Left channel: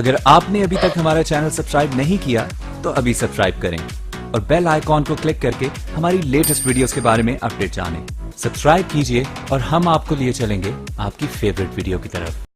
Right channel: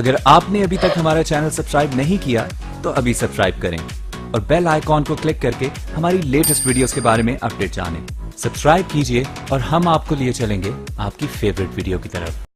अगर आपने अभी तक हमारा चैनल सब्सक्राइब नहीं किया तो अभी सब्सक्राइब करें और बेल आइकॉन को क्लिक करके हमारी लेटेस्ट वीडियोस के बारे में अपडेट जानें। सब्सक्राइब कीजिए और हम आपको लिए चलेंगे आपकी फेवरेट वीडियो की तरफ।